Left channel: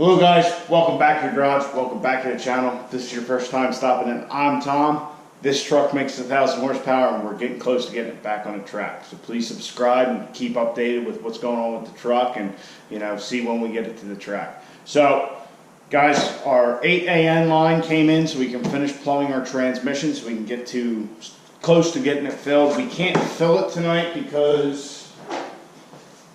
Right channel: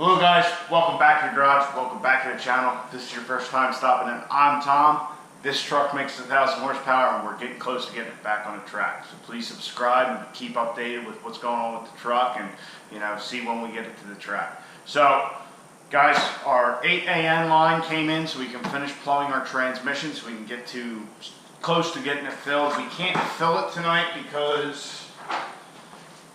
Hello guys, welcome back to the garage, welcome back to the channel. If this is your first time stopping in, I'm Tom. This truck makes 1,000 horsepower and we're getting close to getting it back on the track. So please subscribe and keep updated with what's going on with the truck and see when we get it to the track. So guys, our 8AN line came in so we can finish plumbing our transmission so we can get close to getting it filled. We can't fill it tonight because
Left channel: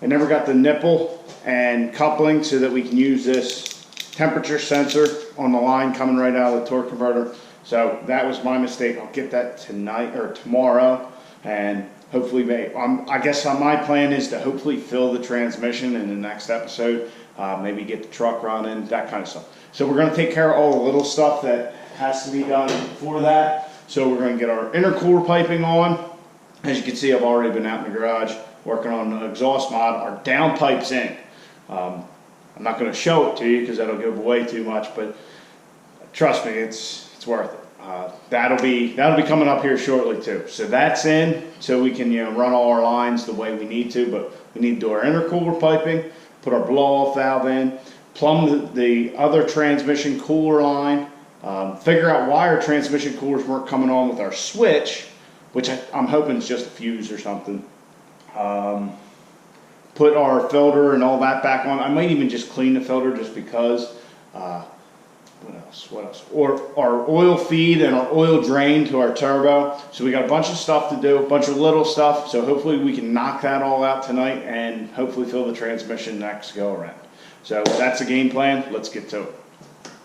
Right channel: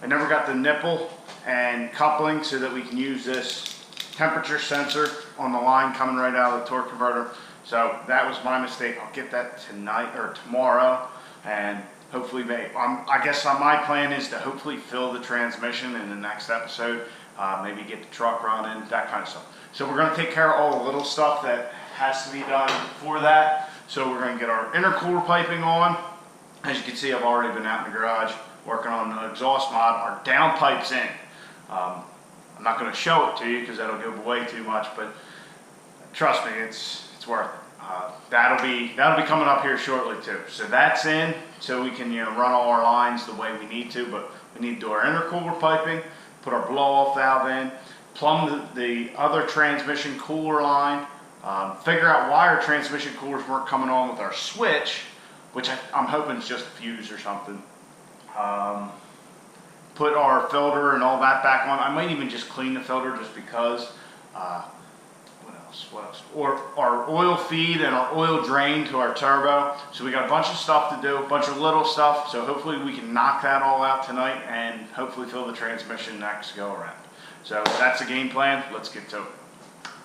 I never got the nipple and coupling so that we can use this temperature sensor on the line coming right out of the torque converter. So that was my mistake. I'll get that tonight or tomorrow, and hopefully I guess my plan is to hopefully fill the transmission in the next episode, maybe get the truck running, that kind of stuff. So we're going to take care of all the little stuff that has to be done for that. So we're going to get our intercooler piping on. As you can see, I've already been out in the garage working on the exhaust mod. Our downpipe's in. I'm not going to show it to you because that'll give away too much, but trust me, it's worth it. That'll be coming up here shortly too. So that's in, so we can run all our lines the way we need to. But we need to do our intercooler piping, put our blow-off valve in, plumb the other transmission cooler line, figure out why our transmission coolers weren't coming on with our switch, which I'm hoping is just a fuse or something. Put our filter and all that back on. I might even just clean the filter just because. What else? Or our oil feed and our oil drain to our turbo. So we got a bunch of stuff to do, a bunch of little stuff. So hopefully we can knock that all out tonight and hopefully fill the transmission next go around. So that's the game plan. Let's get to it.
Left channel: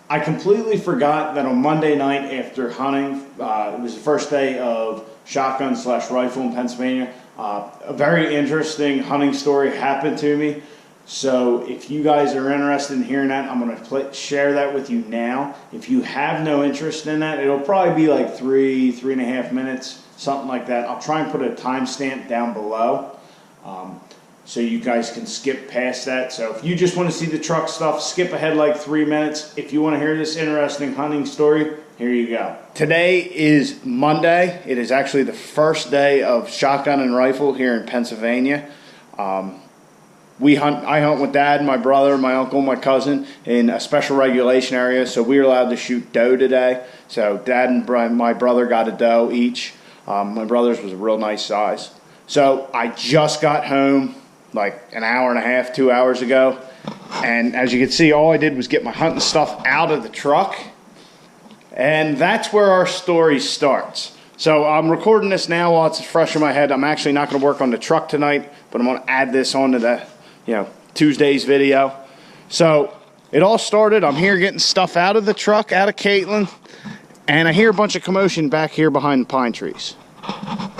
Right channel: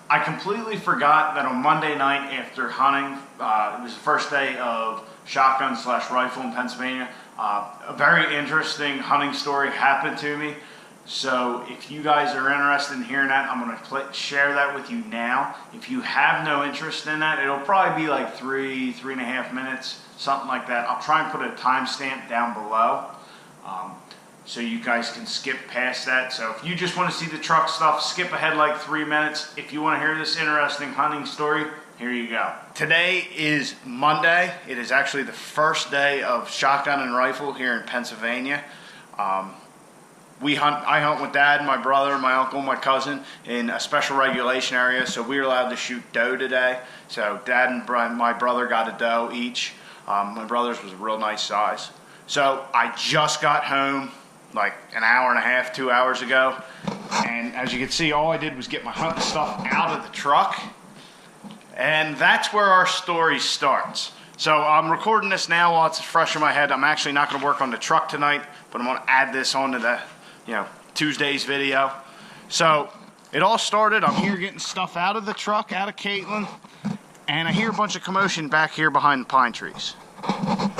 I completely forgot that on Monday night after hunting, it was the first day of shotgun/rifle in Pennsylvania. A very interesting hunting story happened to me. So if you guys are interested in hearing that, I'm going to share that with you now. If you have no interest in that, it'll probably be like 3.5 minutes, something like that. I'll try and put a timestamp down below so you guys can skip past that. So if you just want to see the truck stuff, skip ahead like 3 minutes. If you want to hear this interesting hunting story, here you go. Today is Monday. It is actually the first day of shotgun and rifle here in Pennsylvania. I hunt with Dad, my brother, my uncle, my cousin in a special regulation area, so we were allowed to shoot doe today. So Dad and my brother got a doe each. My brother's was a real nice size. So I just got home like an hour and a half, 2 hours ago, and as you can see, all I did was get my hunting stuff out of the truck, and that's where our story starts. So I'm recording this now while it's fresh in my head. I'm actually not going to work on the truck tonight, but I'm going to add this onto the Tuesday's video. So it all started, I'm here getting stuff out of the truck, out of Caitlin, and I hear a bunch of commotion back here behind the pine trees.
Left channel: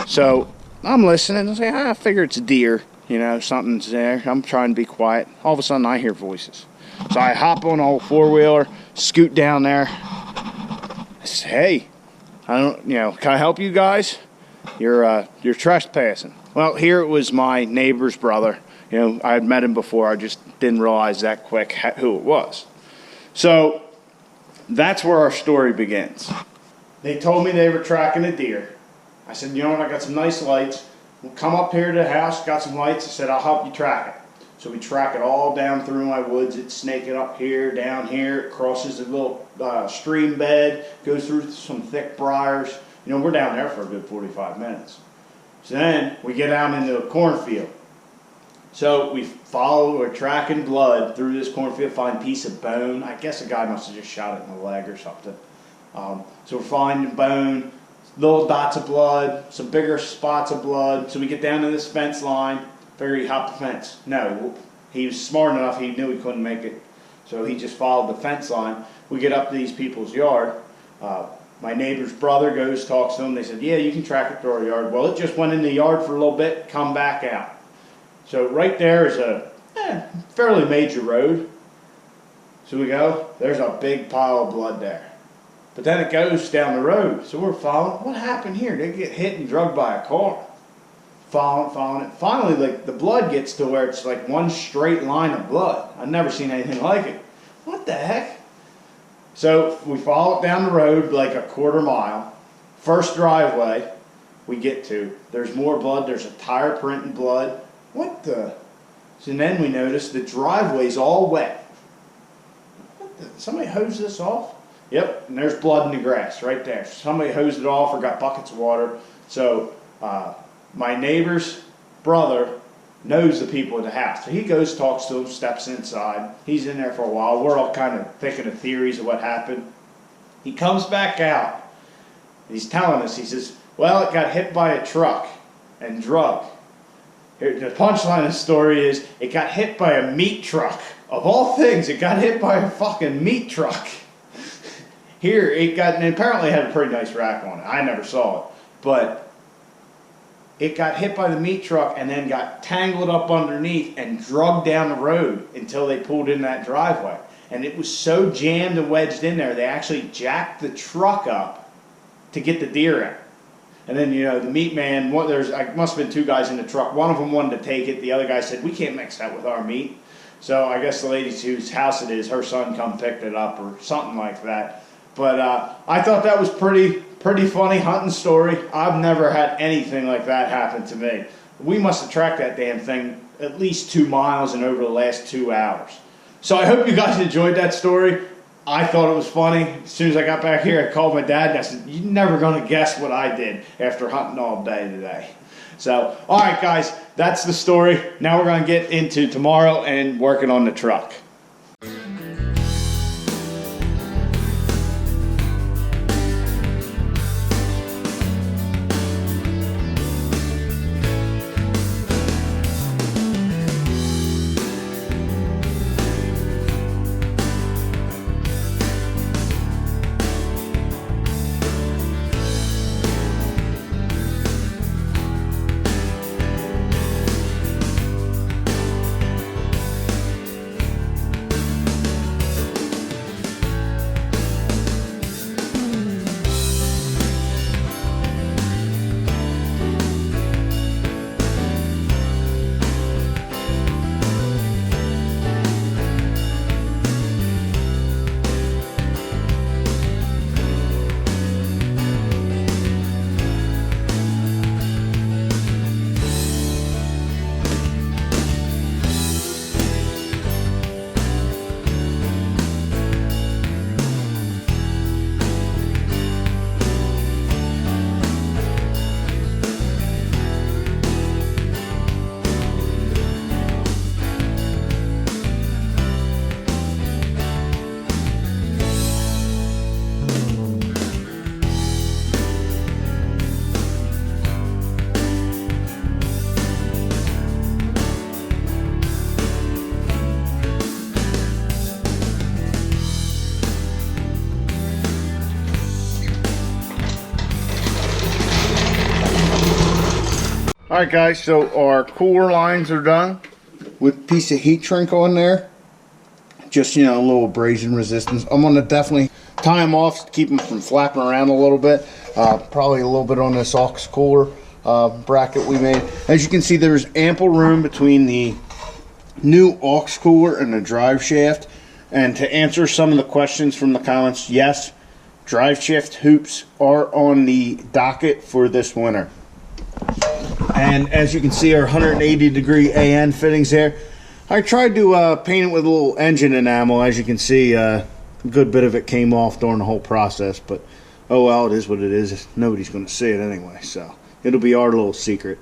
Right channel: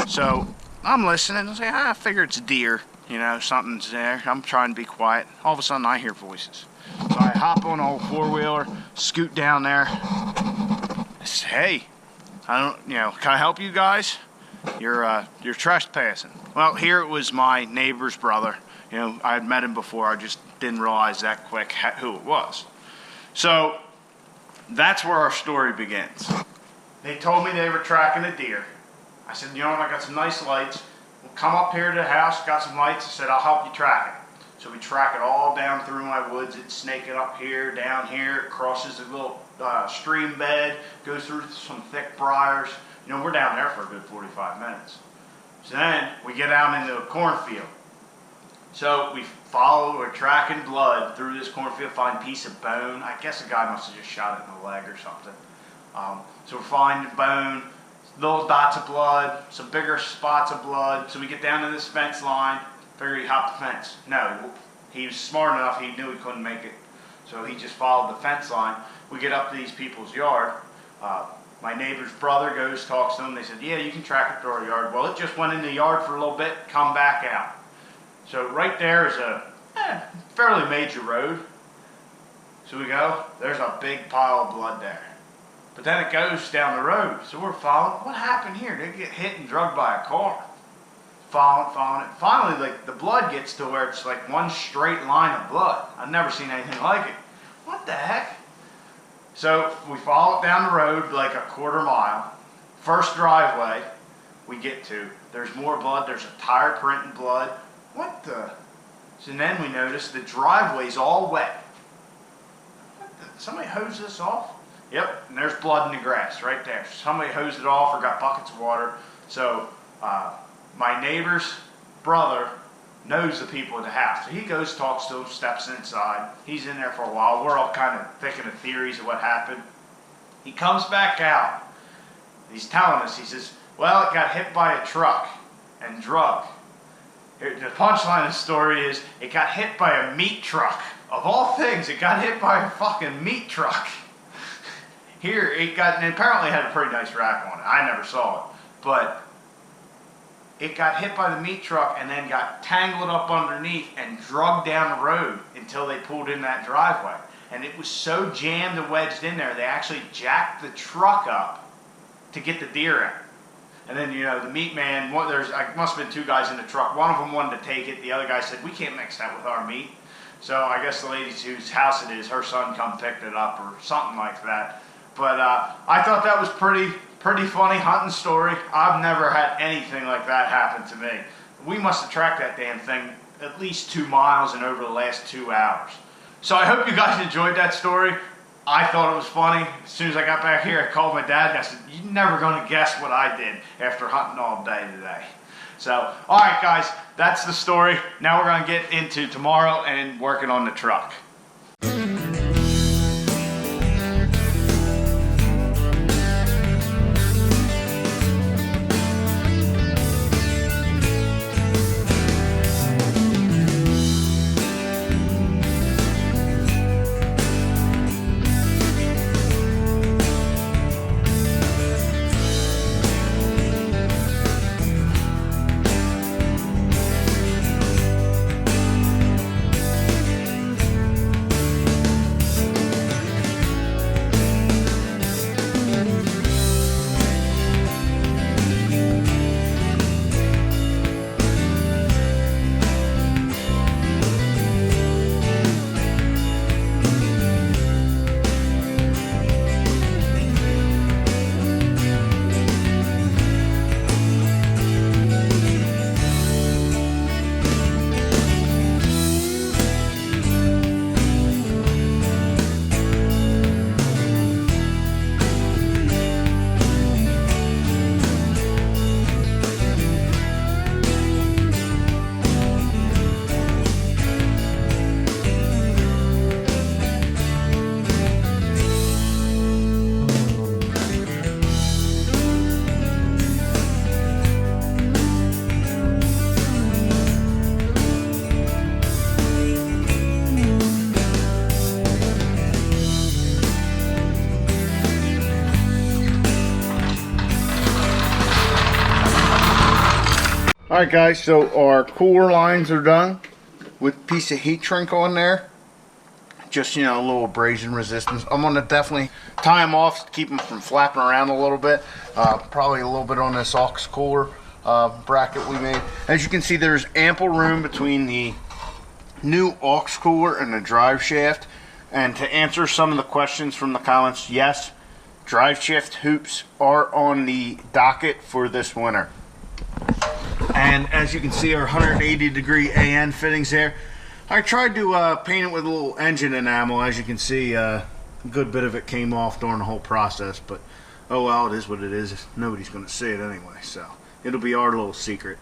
So I'm listening and say, I figure it's a deer, something's there. I'm trying to be quiet. All of a sudden I hear voices. So I hop on the old four-wheeler, scoot down there. I say, hey, can I help you guys? You're trespassing. Well, here it was my neighbor's brother. I had met him before. I just didn't realize that quick who it was. So that's where our story begins. They told me they were tracking a deer. I said, I got some nice lights. We'll come up here to the house, got some lights. I said, I'll help you track it. So we track it all down through my woods. It's snaking up here, down here. It crosses a little stream bed, goes through some thick briars. We're down there for a good 45 minutes. So then we get out into a cornfield. So we're tracking blood through this cornfield, find a piece of bone. I guess a guy must have just shot it in the leg or something. So we're finding bone, little dots of blood, some bigger spots of blood. So we get down to this fence line, figure he hopped the fence. No, he was smart enough, he knew he couldn't make it. So he just followed the fence line. We get up to these people's yard. My neighbor's brother goes, talks to them. They said, yeah, you can track it through our yard. Well, it just went in the yard for a little bit, come back out. So right there is a fairly major road. So we go, there's a big pile of blood there. But then it goes down the road. So we're following, what happened here? They get hit and drugged by a car. Following it. Finally, the blood gets to where it's like one straight line of blood. I've never seen anything like it. What the heck? So we follow it down the road like a quarter mile. First driveway we get to, there's more blood. There's a tire print in blood. What the? So then we notice the driveway's all wet. somebody hose this off? Yep, and there's blood in the grass right there. Somebody hosed it off or got buckets of water. So my neighbor's brother knows the people at the house. So he goes, talks to them, steps inside. He's in there for a while. We're all kind of thinking of theories of what happened. He comes back out. He's telling us, he says, well, it got hit by a truck and drug. Here, the punchline of the story is, it got hit by a meat truck. Of all things, it got hit by a fucking meat truck. Here, it got, and apparently it had a pretty nice rack on it. I never saw it. But it got hit by the meat truck and then got tangled up underneath and drugged down the road until they pulled in that driveway. And it was so jammed and wedged in there, they actually jacked the truck up to get the deer out. And then, you know, the meat man, must have been two guys in the truck. One of them wanted to take it. The other guy said, we can't mix that with our meat. So I guess the lady whose house it is, her son come picked it up or something like that. But I thought that was pretty funny hunting story. I've never had anything like that happen to me. We must have tracked that damn thing at least 2 miles and over the last 2 hours. So I hope you guys enjoyed that story. I thought it was funny. As soon as I got back here, I called my dad and I said, you're never going to guess what I did after hunting all day today. So, all right, guys, that's the story. Now we're going to get into tomorrow and working on the truck. Alright guys, so our cooler lines are done with a piece of heat shrink on there. Just, you know, a little abrasion resistance. I'm going to definitely tie them off to keep them from flapping around a little bit. Probably a little bit on this aux cooler bracket we made. As you can see, there's ample room between the new aux cooler and the drive shaft. And to answer some of the questions from the comments, yes, drive shaft hoops are on the docket for this winter. And as you can see, our 180-degree AN fittings there. I tried to paint it with a little engine enamel. As you can see, a good bit of it came off during the whole process. But, oh well, it is what it is. Nobody's going to see it anyway, so it'll be our little secret.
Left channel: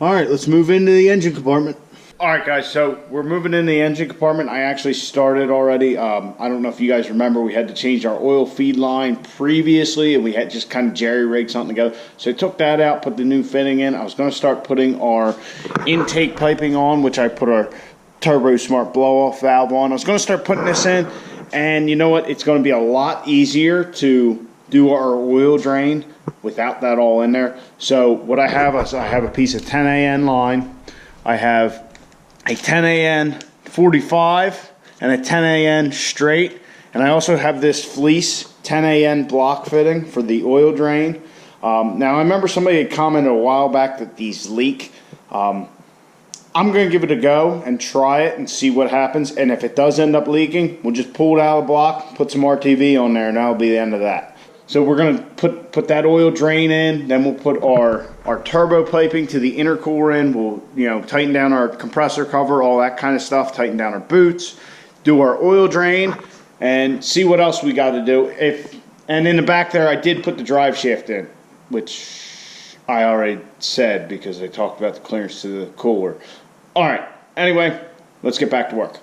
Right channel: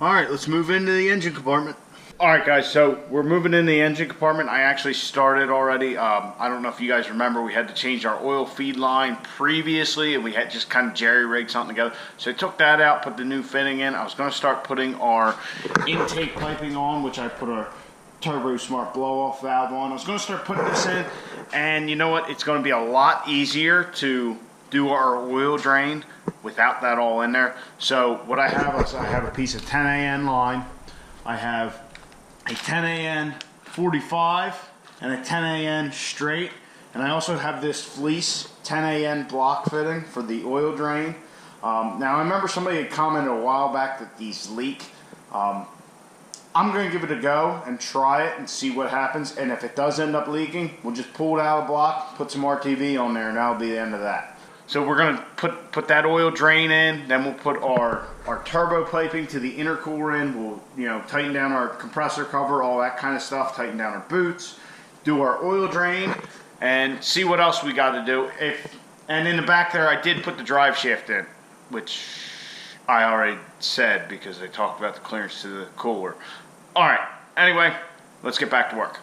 Alright, let's move into the engine compartment. Alright guys, so we're moving in the engine compartment. I actually started already. I don't know if you guys remember, we had to change our oil feed line previously, and we had just kind of jerry-rigged something together. So I took that out, put the new fitting in. I was going to start putting our intake piping on, which I put our Turbo Smart blow-off valve on. I was going to start putting this in, and you know what? It's going to be a lot easier to do our oil drain without that all in there. So what I have is I have a piece of 10 AN line. I have a 10 AN 45 and a 10 AN straight, and I also have this fleece 10 AN block fitting for the oil drain. Now I remember somebody had commented a while back that these leak. I'm going to give it a go and try it and see what happens, and if it does end up leaking, we'll just pull it out of the block, put some RTV on there, and that'll be the end of that. So we're going to put that oil drain in, then we'll put our turbo piping to the intercooler in. We'll, you know, tighten down our compressor cover, all that kind of stuff, tighten down our boots, do our oil drain, and see what else we got to do. And in the back there, I did put the drive shaft in, which I already said because I talked about the clearance to the cooler. All right, anyway, let's get back to work.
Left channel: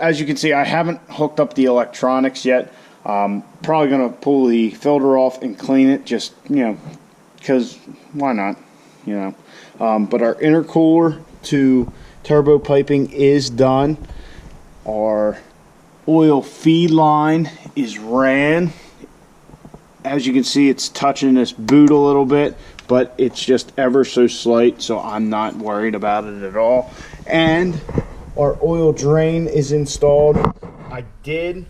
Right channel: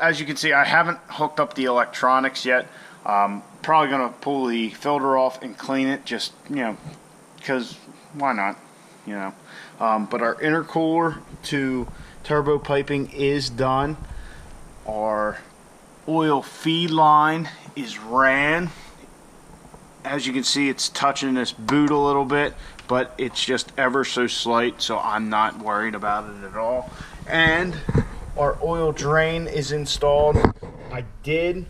As you can see, I haven't hooked up the electronics yet. Probably going to pull the filter off and clean it, just, because why not, But our intercooler to turbo piping is done. Our oil feed line is ran. As you can see, it's touching this boot a little bit, but it's just ever so slight, so I'm not worried about it at all. And our oil drain is installed. I did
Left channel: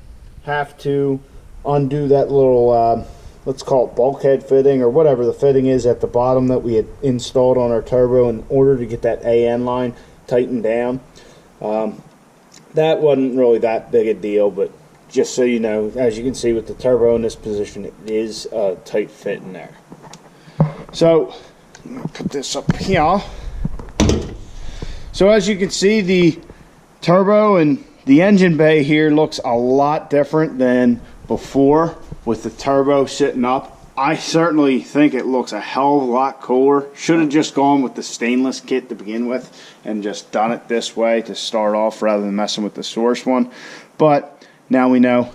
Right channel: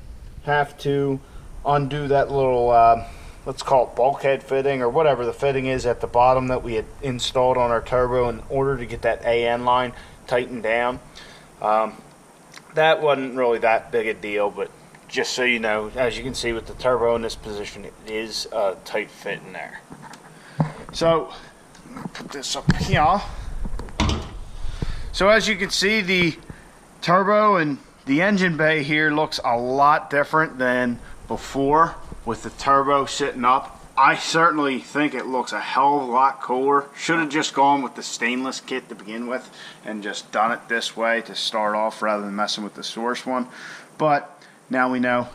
have to undo that little, let's call it bulkhead fitting or whatever the fitting is at the bottom that we had installed on our turbo in order to get that AN line tightened down. That wasn't really that big a deal, but just so you know, as you can see with the turbo in this position, it is a tight fit in there. So, put this up here. So as you can see, the turbo and the engine bay here looks a lot different than before with the turbo sitting up. I certainly think it looks a hell of a lot cooler. Should have just gone with the stainless kit to begin with and just done it this way to start off rather than messing with the source one. But now we know.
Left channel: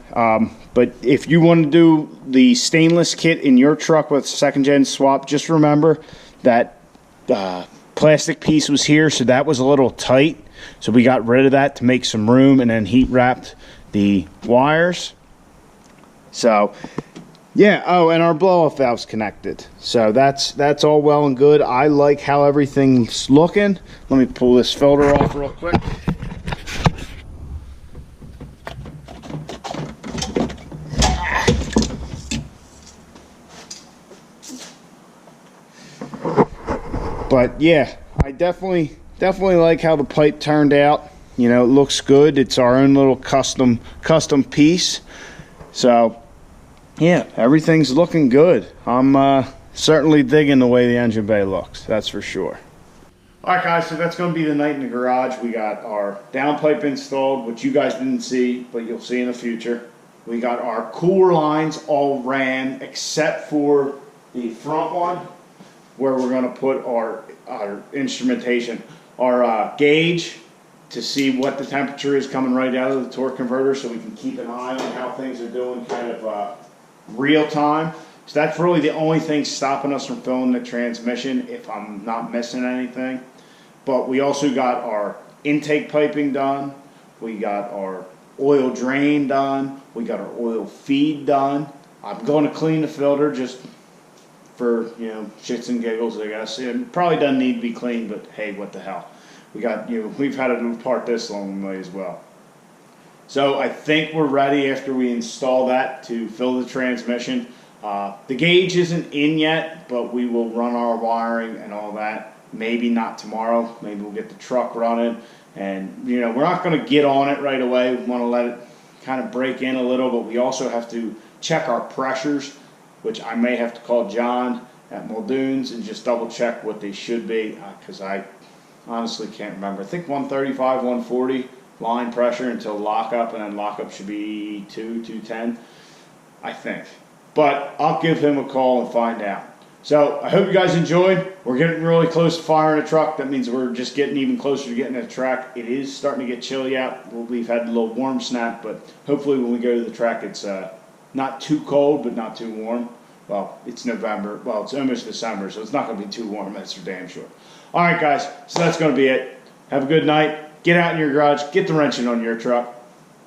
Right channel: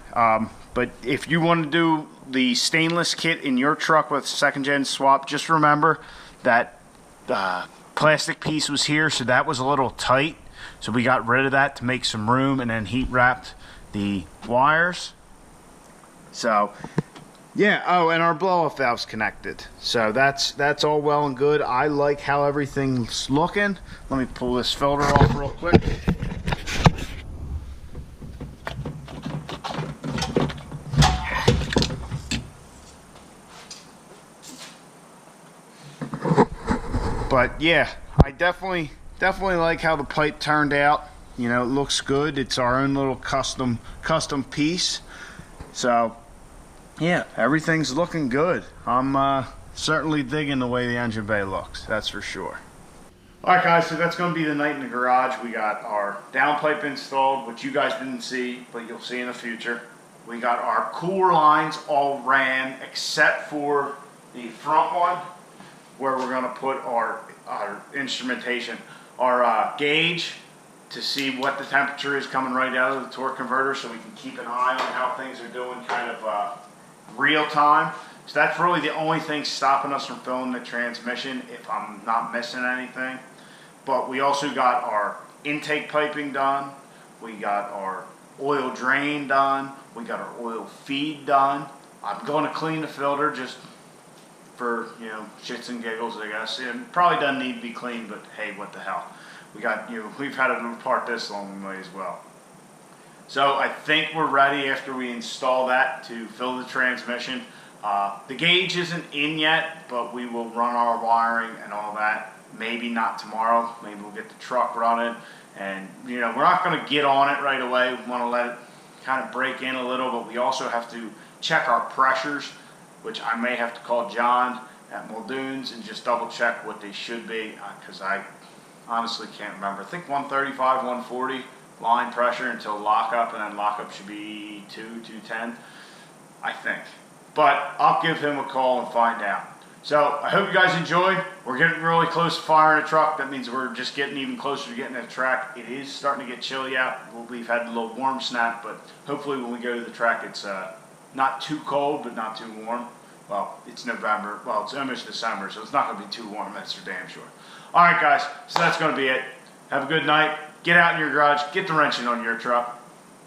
But if you want to do the stainless kit in your truck with second gen swap, just remember that plastic piece was here, so that was a little tight. So we got rid of that to make some room and then heat wrapped the wires. So yeah, oh, and our blow-off valve's connected. So that's all well and good. I like how everything's looking. Let me pull this filter off real quick. But yeah, I definitely like how the pipe turned out. It looks good. It's our own little custom piece. So yeah, everything's looking good. I'm certainly digging the way the engine bay looks, that's for sure. Alright guys, so that's going to be the night in the garage. We got our downpipe installed, which you guys didn't see, but you'll see in the future. We got our cooler lines all ran except for the front one, where we're going to put our instrumentation, our gauge to see what the temperature is coming right out of the torque converter, so we can keep an eye on how things are doing kind of real time. So that's really the only thing stopping us from filling the transmission, if I'm not missing anything. But we also got our intake piping done. We got our oil drain done. We got our oil feed done. I'm going to clean the filter just for, shits and giggles, I guess. It probably doesn't need to be cleaned, but hey, what the hell. We got, we've had it apart this long way as well. So I think we're ready after we install that to fill the transmission. The gauge isn't in yet, but we will run our wiring and all that. Maybe not tomorrow. Maybe we'll get the truck running And, you know, we're not going to get on it right away. We want to let it kind of break in a little, but we also have to check our pressures, which I may have to call John at Muldoon's and just double check what they should be, because I honestly can't remember. I think 135, 140 line pressure until lockup, and then lockup should be 210, I think. But I'll give him a call and find out. So I hope you guys enjoyed. We're getting really close to firing a truck. That means we're just getting even closer to getting a track. It is starting to get chilly out. We've had a little warm snap, but hopefully when we go to the track, it's not too cold, but not too warm. Well, it's November. Well, it's almost December, so it's not going to be too warm. That's for damn sure. All right, guys. So that's going to be it. Have a good night. Get out in your garage. Get the wrenching on your truck.